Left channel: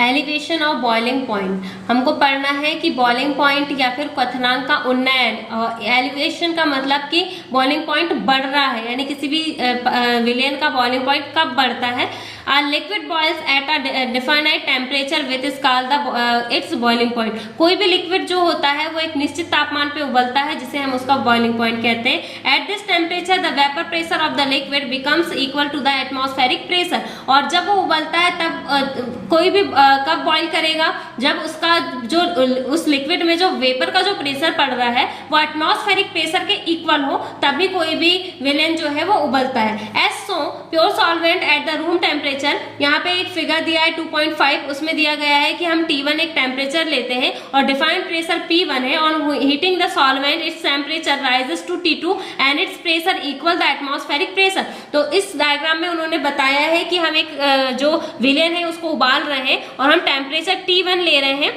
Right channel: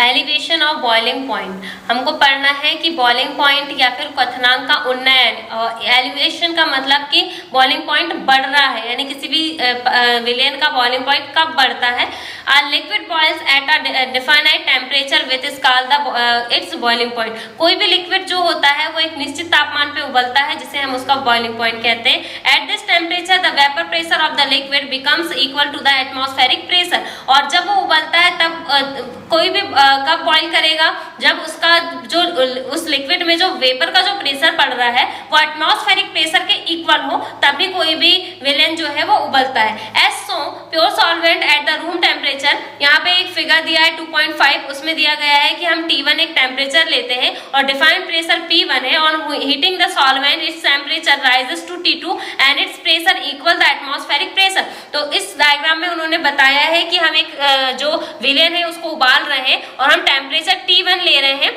Elevation of boiling point. हमको पढ़ना है कि बॉइलिंग पॉइंट या फिर क्वथनांक का उन्नयन। एलिवेशन का मतलब कि बॉइलिंग पॉइंट बढ़ रहा है, यानी किसी भी विलेन का बॉइलिंग पॉइंट कब बढ़ता है। Liquid boils at a definite temperature with is called the its boiling point. कोई भी लिक्विड जो होता है वो एक निश्चित तापमान पे उबलता है, जिसे हम उसका बॉइलिंग पॉइंट कहते हैं। At this temperature the vapour pressure of the liquid becomes equal to the atmospheric pressure. और जब वो उबलता है तब कोई भी कब बॉइल करेगा, जब उसका जो उस लिक्विड में जो वेपर का जो प्रेशर पड़ रहा है वो एटमॉस्फेरिक प्रेशर के इक्वल हो, तभी कोई भी विलेन जो है वो उबलता है। As so pure solvent at the room temperature. यहाँ पे एक फिगर दिया है 2.5, उसमें दिया गया है कि हम T1 एक टेम्परेचर लेते हैं और डिफाइंड प्रेशर P1 है। On heating the solvent its temperature rises to T2 and its pressure equal the atmospheric pressure. तो इस डायग्राम में उन्होंने बताया है कि हम एक जो विलेन है उसको उबाल रहे हैं और हम टेम्परेचर T1 ले रहे हैं,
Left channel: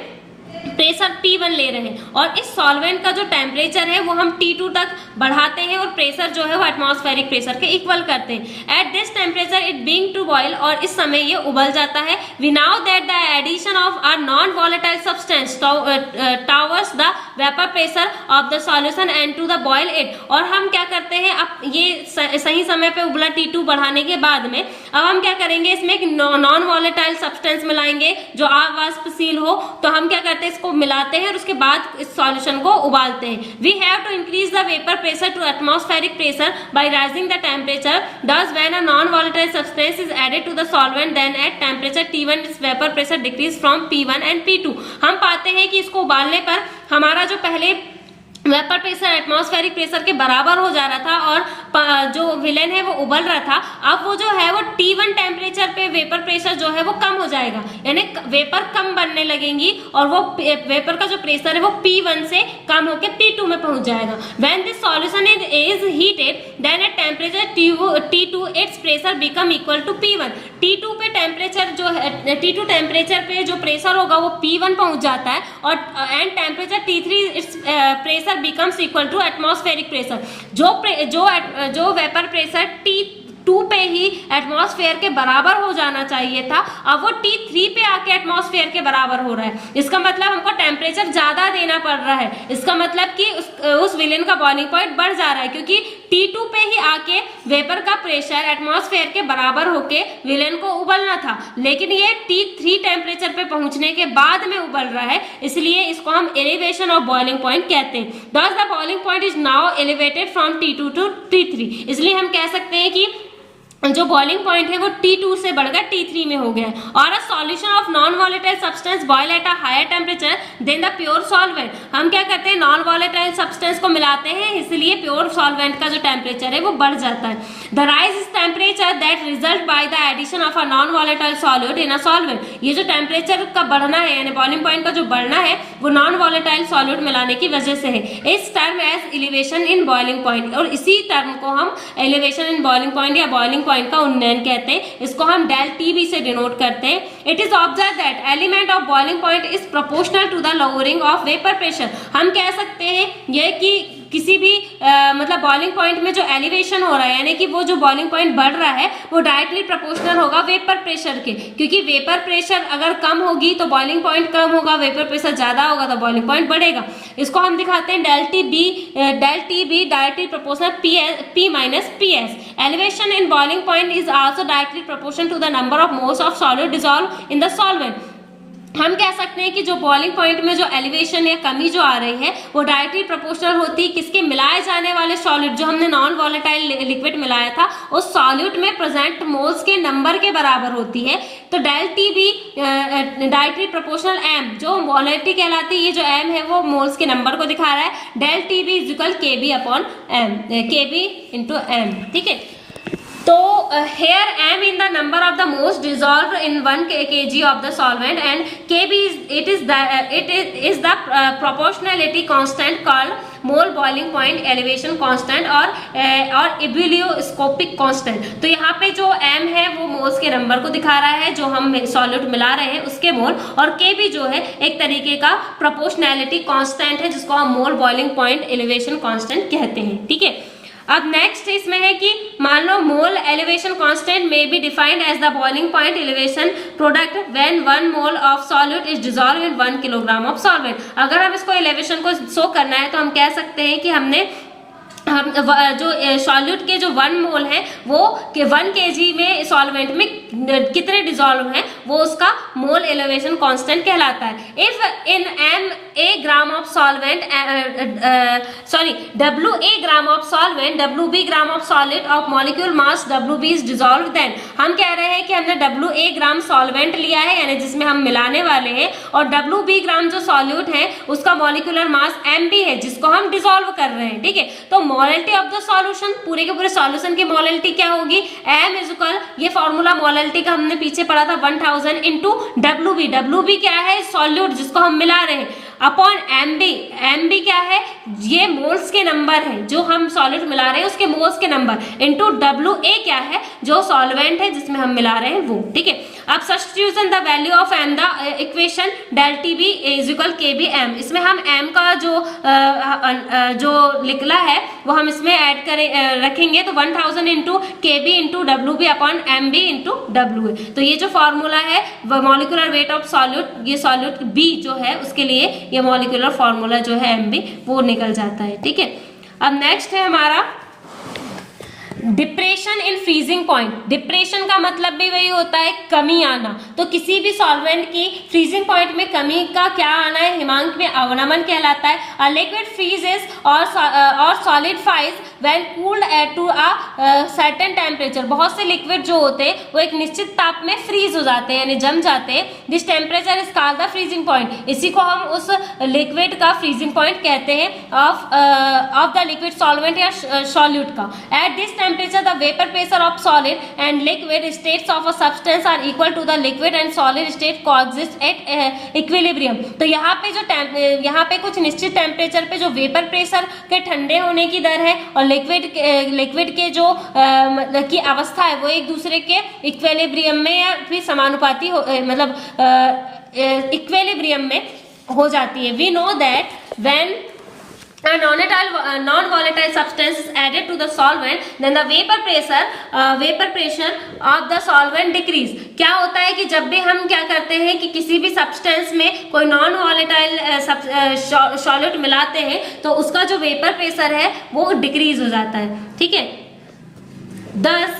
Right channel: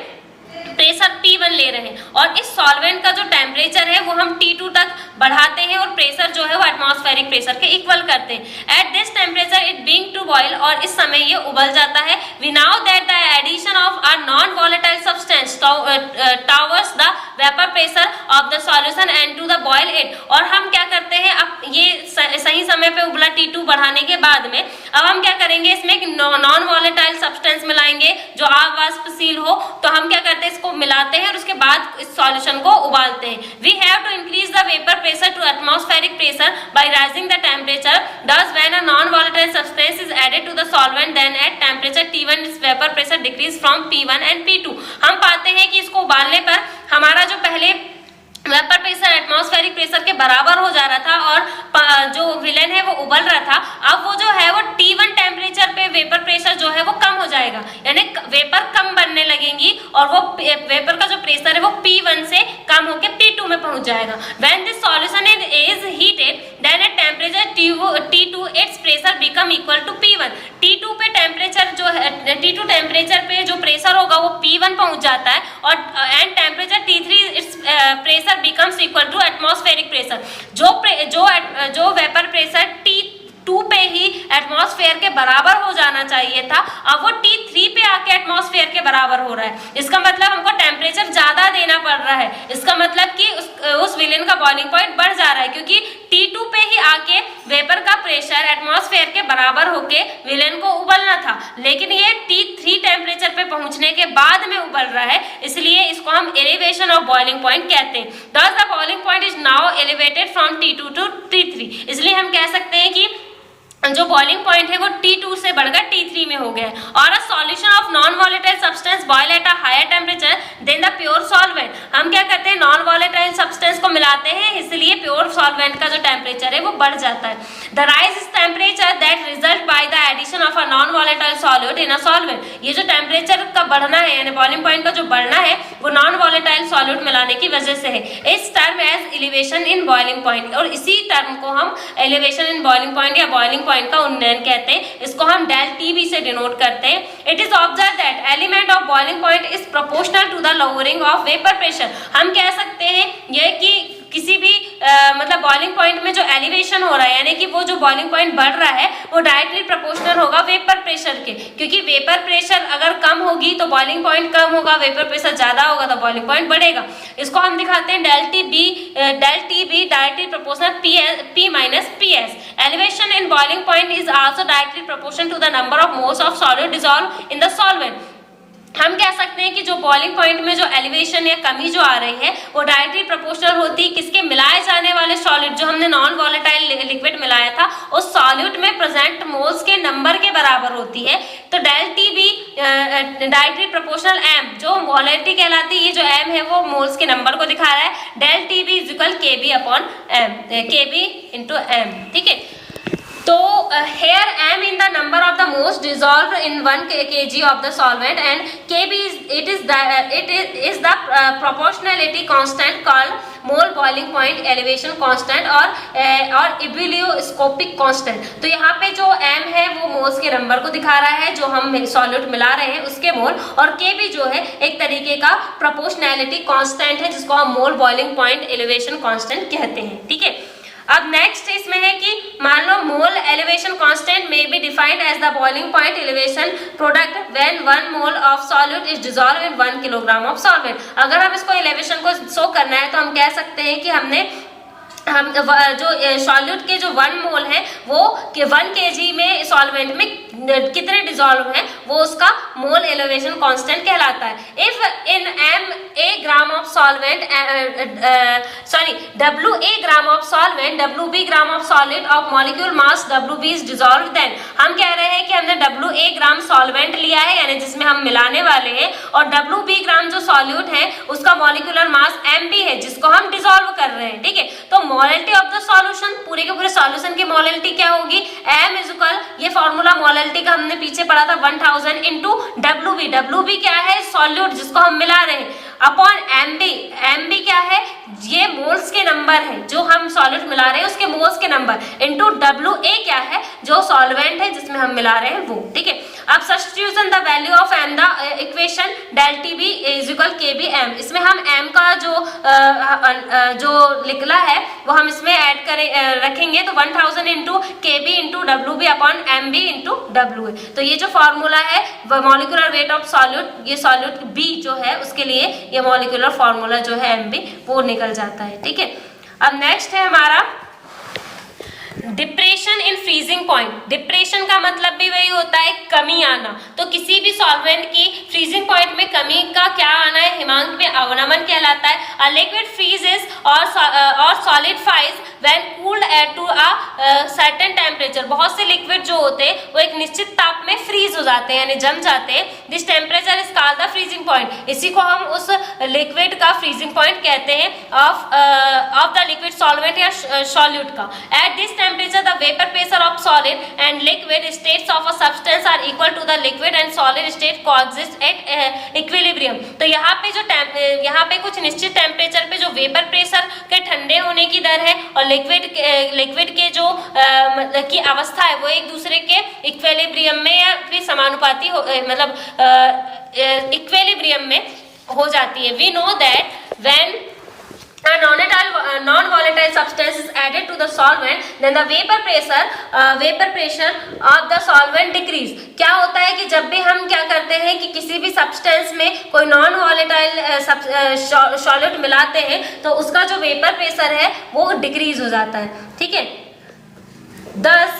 प्रेशर P1 ले रहे हैं, और इस सॉल्वेंट का जो टेम्परेचर है वो हम T2 तक बढ़ाते हैं और प्रेशर जो है वो एटमॉस्फेरिक प्रेशर के इक्वल करते हैं। At this temperature it being to boil, और इस समय ये उबल जाता है। We now that the addition of a non volatile substance towards the vapour pressure of the solution and to the boil it. और हम क्या करते हैं, अब ये सही समय पे उबला T2 बढ़ाने के बाद में अब हम क्या करेंगे, इसमें एक नॉन वॉलेटाइल सब्सटेंस मिलाएंगे जो अवाष्पशील हो। तो हम क्या करते हैं, इसको मिलाते हैं और उसके बाद इस सॉल्यूशन को उबालते हैं। We have to increase the vapour pressure to atmospheric pressure by rising the temperature. Thus when a non-volatile substance is added to the solvent, then at temperature T1 its vapor pressure decrease from P1 and P2। हम पाते हैं कि इसको उबालने पर हमारा जो पहले वेपर प्रेशर एटमॉस्फेरिक प्रेशर के बराबर हो जा रहा था और जो विलेन है वो उबल रहा था, अब वो जो है वो T1 टेम्परेचर पे वेपर प्रेशर जो है वो कम हो जाएगा, यानी वेपर कम बनने लगेंगी और वो वेपर का जो प्रेशर है वो P1 से कम होकर P2 में पहुंच जाएगा। When this solution is heated, then at temperature T2 its pressure become equal to P1। T2 पे टेम्परेचर जो है, T2 टेम्परेचर पे जो प्रेशर होगा वो P1 पहुंच जाता है और and temperature T3 it's pressure becomes equal to atmospheric pressure। जो वेपर प्रेशर T2 पे ही एटमॉस्फेयर के बराबर हो जाना चाहिए था, अब वो T3 पे आके एटमॉस्फेयर के बराबर हो रहा है। इसका मतलब हमको टेम्परेचर ज्यादा देना पड़ रहा है। इसका मतलब कि उस विलेन का बॉइलिंग पॉइंट बढ़ जा रहा है, क्योंकि T2 पे ही आके वेपर का प्रेशर एटमॉस्फेयर के बराबर होके विलेन को उबलना था, लेकिन ये T3 टेम्परेचर पे पहुंचने के बाद में उबल रहा है, इसलिए इसको हम एलिवेशन ऑफ बॉइलिंग पॉइंट कहते हैं। Thus the boiling point is now elevated from T2 to T3। इसलिए हम कह सकते हैं कि जो बॉइलिंग पॉइंट है वो T2 से बढ़कर T3 में हो गया है। और a solution of non volatile substance boil at a higher temperature than the pure solvent. हम क्या करते हैं, नॉन वॉलेटाइल सब्सटेंस को मिलाते हैं, इसलिए प्योर सॉल्वेंट का जो टेम्परेचर है वो बढ़ जाता है। The rise is temperature that result by the addition of a non volatile solute in a solvent. ये जो टेम्परेचर का बढ़ना है, यानी बॉइलिंग पॉइंट का जो बढ़ना है वो नॉन वॉलेटाइल सॉल्यूट मिलाने की वजह से है। इस term as elevation in boiling point, और इसी टर्म को हम एलिवेशन इन बॉइलिंग पॉइंट या बॉइलिंग पॉइंट का उन्नयन कहते हैं। इसको हम डेल TB से डिनोट करते हैं। It is observe that element of boiling point is proportional to the lowering of vapour pressure. हम कह सकते हैं ये कि किसी भी मतलब बॉइलिंग पॉइंट में जो एलिवेशन हो रहा है, यानी कि वो जो बॉइलिंग पॉइंट बढ़ रहा है वो डायरेक्टली प्रोपोर्शनल होगा वेपर प्रेशर के, क्योंकि वेपर प्रेशर अगर कम होगी तो बॉइलिंग पॉइंट कम होगा, वेपर प्रेशर ज्यादा होगा तो बॉइलिंग पॉइंट बढ़ेगा। इसको हम दिखाते हैं del TB directly proportional P minus PS। Elevation in boiling point is also directly proportional to the number of moles of solid dissolve in the solvent. हम कह सकते हैं कि जो बॉइलिंग पॉइंट में जो एलिवेशन या कमी जो आ रही है वो डायरेक्टली प्रोपोर्शनल होती है किसके, मिलाए जाने वाले सॉलिड, जो हमने नॉन वॉलेटाइल लिक्विड मिलाया था उस सॉल्यूट में प्रेजेंट मोल्स के नंबर के बराबर होती है। तो del TB directly proportional M, जो मोलैरिटी कहलाती है, ये जो M है वो मोल्स के नंबर को दिखा रहा है। Del TB is equal KB upon M, KB into M, ठीक है। तो here M in the number of the moles dissolved in 1 kg of the solvent and KB is the proportionality constant called mole boiling point elevation constant और ebullioscopic constant। तो यहाँ पे जो M है वो मोल्स के नंबर को दिखा रहा है जो हम सॉल्यूट मिला रहे हैं उसके मोल, और KB जो है एक तरीके का प्रोपोर्शनैलिटी कांस्टेंट है जिसको हम मोल बॉइलिंग पॉइंट एलिवेशन कांस्टेंट कहते हैं, ठीक है। अब नेक्स्ट इसमें है कि मान लो mole elevation constant may be defined as the boiling point elevation product when 1 mole of solute is dissolve in 1 kilogram of solvent. अगर हम इसको एलिवेशन को शो करना है तो हम कह सकते हैं कि हम जो सॉल्यूट के जो 1 मोल है वो 1 kg में सॉल्वेंट में कितने डिसॉल्व हैं वो उसका मोल एलिवेशन कांस्टेंट कहलाता है। If in m a gram of solvent w a gram of solvent w b gram of solid of molecule mass w b is dissolve, then हम कह रहे हैं कि हमने w a ग्राम सॉल्वेंट लिया है यानी जिसमें हम मिलाने वाले हैं, और w b ग्राम जो सॉल्यूट है उसका मॉलिक्यूलर मास m b है जिसको हम डिसॉल्व कर रहे हैं। ठीक है, तो मोलैलिटी ऑफ द सॉल्यूशन, पूरे के पूरे सॉल्यूशन की मोलैलिटी क्या होगी, m इज इक्वल, ये फॉर्मूला मोलैलिटी का हमने पीछे पढ़ा था 1000 इंटू WB क्या है, सॉल्यूट जिसको हम मिला रहे हैं, अपॉन MB क्या है, ये मोल्स के नंबर है जो हम सॉल्यूट मिला रहे हैं उसके मोल्स के नंबर, इंटू WA क्या है जो सॉल्वेंट है जिसमें हम मिला रहे हैं वो। ठीक है, अब substitution the value of m the equation del TB is equal KB m, इसमें हम m का जो लिखला है वो हम इसमें ऐड करें रखेंगे, तो 1000 into KB into WB upon MB into WA। तो ये जो फॉर्मूला है मॉलिक्यूलर वेट ऑफ सॉल्यूट, ये सॉल्यूट B जो है उसके लिए ये मॉलिक्यूलर फॉर्मूला जो है MB वो निकल जाता है। ठीक है, अब नेक्स्ट है हमारा depression in freezing point. Depression का मतलब भी वही होता है कमी आना, तो किसी भी सॉल्वेंट की फ्रीजिंग पॉइंट में कमी का क्या आना है, हिमांक में अवनमन कहलाता है। अ लिक्विड फ्रीजेस और solidifies when cooled to a certain temperature. बहुत से लिक्विड जो होते हैं वो एक निश्चित ताप में फ्रीज हो जाते हैं यानी जम जाते हैं। This temperature is called the freezing point, इसी को हम उस लिक्विड का फ्रीजिंग पॉइंट कहते हैं ऑफ द लिक्विड सॉल्वेंट या सॉल्यूट का। At this temperature the vapor pressure of solid and liquid states of a substance are equal to the liquid and solid state coexist at equilibrium। तो यहाँ पे कुछ निश्चित temperature पे जो vapour pressure के ठंडे होने की दर है और लिक्विड के जो की अवस्था है वो एक दूसरे के इक्विलिब्रियम में या फिर समानुपाती मतलब इक्विलिब्रियम में हो जाती है। We know that when a non-volatile substance is added to the solvent then the vapor pressure of the solvent decrease। क्या होता है कि जब भी हम क्या करते हैं कि किसी भी सब्सटेंस में कोई नॉन वॉलेटाइल सॉल्यूट मिलाते हैं तो उसका जो वेपर प्रेशर है वो डिक्रीज हो जाता है। ठीक है, thus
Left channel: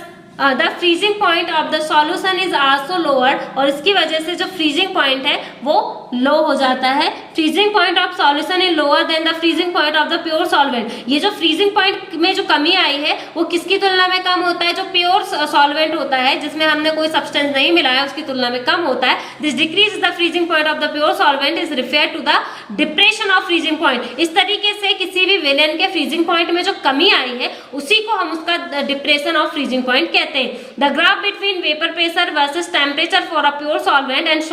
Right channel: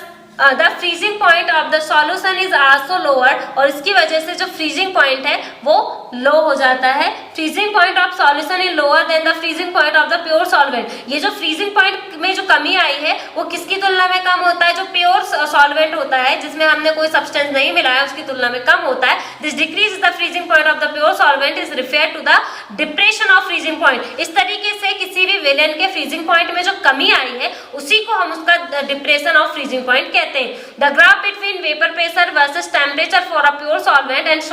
the freezing point of the solution is also lower, और इसकी वजह से जो फ्रीजिंग पॉइंट है वो लो हो जाता है। Freezing point of solution is lower than the freezing point of the pure solvent. ये जो फ्रीजिंग पॉइंट में जो कमी आई है वो किसकी तुलना में कम होता है, जो प्योर सॉल्वेंट होता है जिसमें हमने कोई सब्सटेंस नहीं मिलाया उसकी तुलना में कम होता है। This decrease the freezing point of the pure solvent is refer to the depression of freezing point. इस तरीके से किसी भी विलेन के फ्रीजिंग पॉइंट में जो कमी आई है उसी को हम उसका डिप्रेशन ऑफ फ्रीजिंग पॉइंट कहते हैं। The graph between vapor pressure versus temperature for a pure solvent and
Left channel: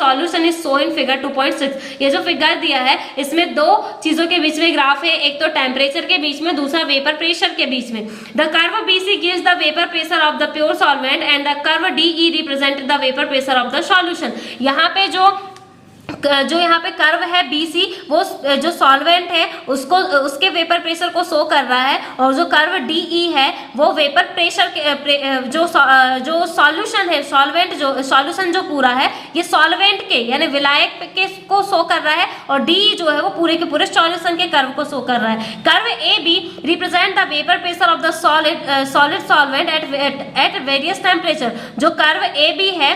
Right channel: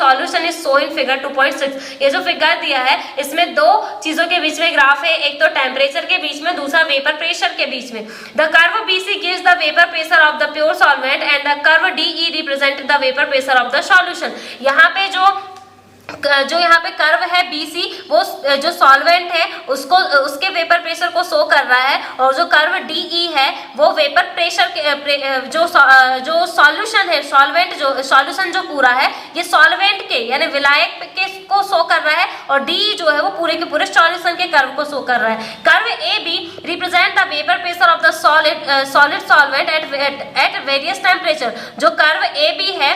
solution is shown in figure 2.6। ये जो फिगर दिया है इसमें दो चीजों के बीच में ग्राफ है, एक तो टेम्परेचर के बीच में, दूसरा वेपर प्रेशर के बीच में। The curve BC gives the vapor pressure of the pure solvent and the curve DE represents the vapor pressure of the solution। यहाँ पे जो यहाँ पे कर्व है BC वो जो सॉल्वेंट है उसको उसके वेपर प्रेशर को शो कर रहा है, और जो कर्व DE है वो वेपर प्रेशर के जो सॉल्यूशन है, सॉल्यूशन जो पूरा है ये सॉल्वेंट के यानी विलायक के को शो कर रहा है, और DE जो है वो पूरे के पूरे सॉल्यूशन के कर्व को शो कर रहा है। Curve AB represent the vapour pressure of the solid solvent at various temperature. जो कर्व AB है,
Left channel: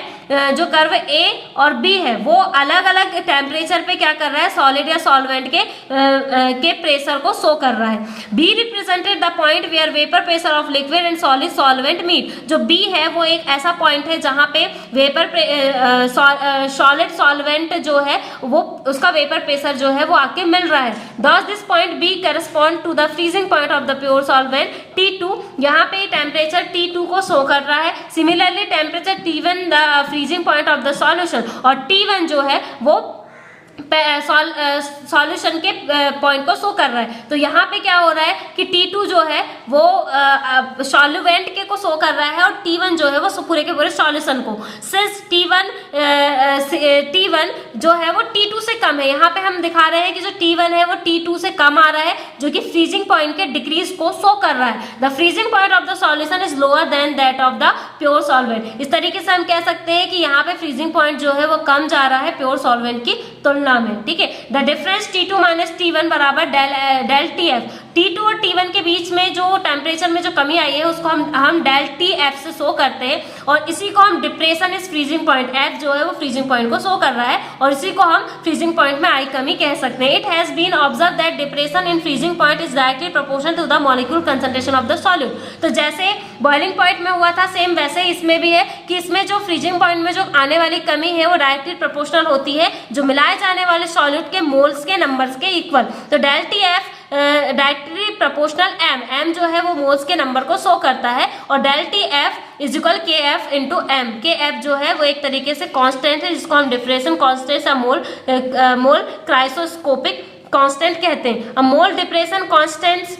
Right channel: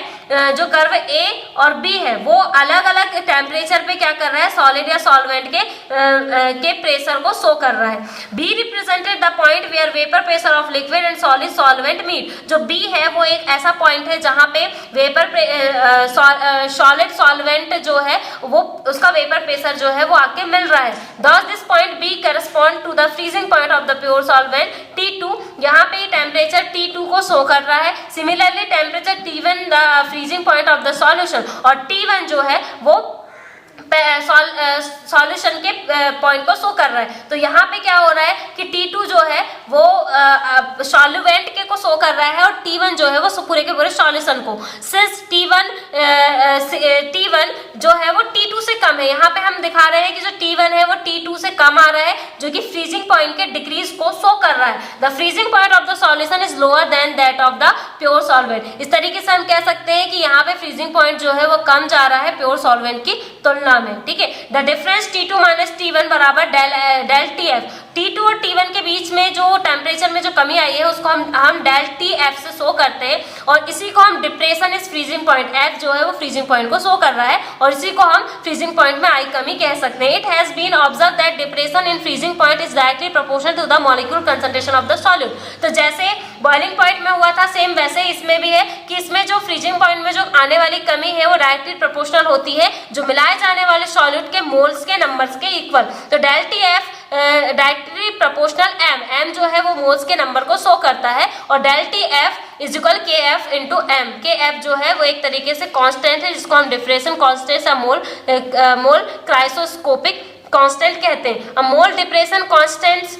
जो कर्व A और B है वो अलग अलग टेम्परेचर पे क्या कर रहा है, सॉलिड या सॉल्वेंट के प्रेशर को शो कर रहा है। B represented the point where vapour pressure of liquid and solid solvent meet. जो B है वो एक ऐसा पॉइंट है जहां पे वेपर सॉलिड सॉल्वेंट जो है वो उसका वेपर प्रेशर जो है वो आके मिल रहा है। Thus this point B correspond to the freezing point of the pure solvent T2। यहाँ पे टेम्परेचर T2 को शो कर रहा है। Similarly temperature T1 the freezing point of the solution, और T1 जो है वो सॉल्यूशन के पॉइंट को शो कर रहा है। तो यहाँ पे क्या हो रहा है कि T2 जो है वो सॉल्वेंट के को शो कर रहा है और T1 जो है वो पूरे के पूरे सॉल्यूशन को। सिंस T1 जो है वो T2 से कम है। यहाँ पे हम दिखा रहे हैं कि जो T1 है वो T2 से कम आ रहा है, जो कि फ्रीजिंग पॉइंट के डिक्रीज को शो कर रहा है। The freezing point of the solution is lower than that of the pure solvent. इस तरीके से हम कह सकते हैं कि यहाँ पे फ्रीजिंग पॉइंट जो है वो कम जा रहा है प्योर सॉल्वेंट की तुलना में, ठीक है। The difference T2 minus T1 बराबर डेल TF। T2 और T1 के बीच में जो टेम्परेचर में जो कमी आई है उसको हम डेल TF से शो करते हैं, और इसी को हम depression is freezing point, F जो है वो फ्रीजिंग पॉइंट को शो कर रहा है, और इसी को हम फ्रीजिंग पॉइंट में आई कमी कह सकते हैं। It has been observe that depression in freezing point is directly proportional to the molecule concentration of the solute. तो जैसे बॉइलिंग पॉइंट में हुआ था, सेम वैसे इसमें भी है कि इसमें जो फ्रीजिंग पॉइंट में जो आने वाली कमी है वो डायरेक्टली प्रोपोर्शनल होती है जो मिलाए जाने वाले सॉल्यूट के मोल्स के नंबर्स के इक्वल। तो del TF directly proportional m जो है वो मोल्स के नंबर को शो करता है, और del TF is equal KF into m। KF जो है वो एक तरीके से कांस्टेंट है जिसको हम डिफ्रेशन कांस्टेंट या मोल क्राइसोस्कोपिक कांस्टेंट कहते हैं। अब मोल डिप्रेशन कांस्टेंट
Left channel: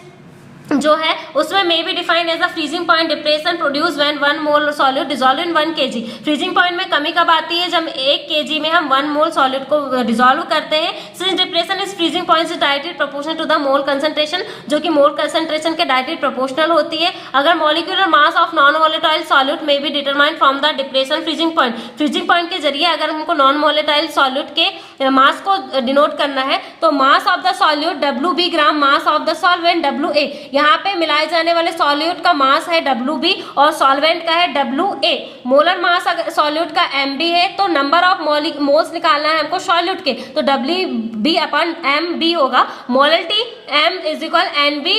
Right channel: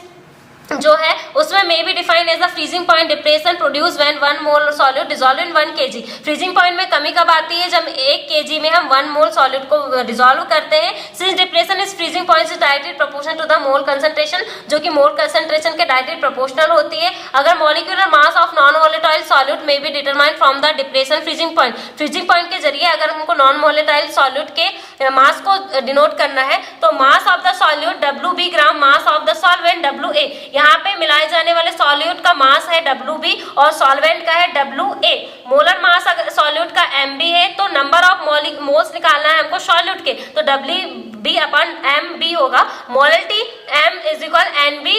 जो है उसमें may be defined as the freezing point depression produce when 1 mole solute dissolve in 1 kg। Freezing point में कमी कब आती है? जब 1 kg में हम 1 मोल सॉल्यूट को डिसॉल्व करते हैं। Since depression is freezing point is directly proportional to the mole concentration, जो कि मोल कंसंट्रेशन के डायरेक्टली प्रोपोर्शनल होती है। अगर molecular mass of non volatile solute may be determined from the depression freezing point. Freezing point के जरिए अगर हमको नॉन वोलेटाइल सॉल्यूट के मास को डिनोट करना है तो mass of the solute WB gram mass of the solvent WA। यहाँ पे मिलाए जाने वाले सॉल्यूट का मास है WB और सॉल्वेंट का है WA। मोलर मास अगर सॉल्यूट का MB है तो नंबर ऑफ मोल्स निकालना है हमको सॉल्यूट के, तो WB अपॉन MB होगा। Molarity M is equal NB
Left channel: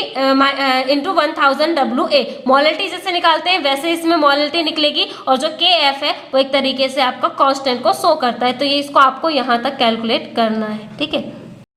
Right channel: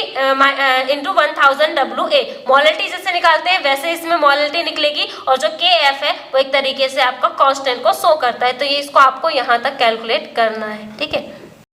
into 1000 WA। Molarity जैसे निकालते हैं वैसे इसमें मोलरिटी निकलेगी, और जो KF है वो एक तरीके से आपका कांस्टेंट को शो करता है। तो ये इसको आपको यहाँ तक कैलकुलेट करना है, ठीक है।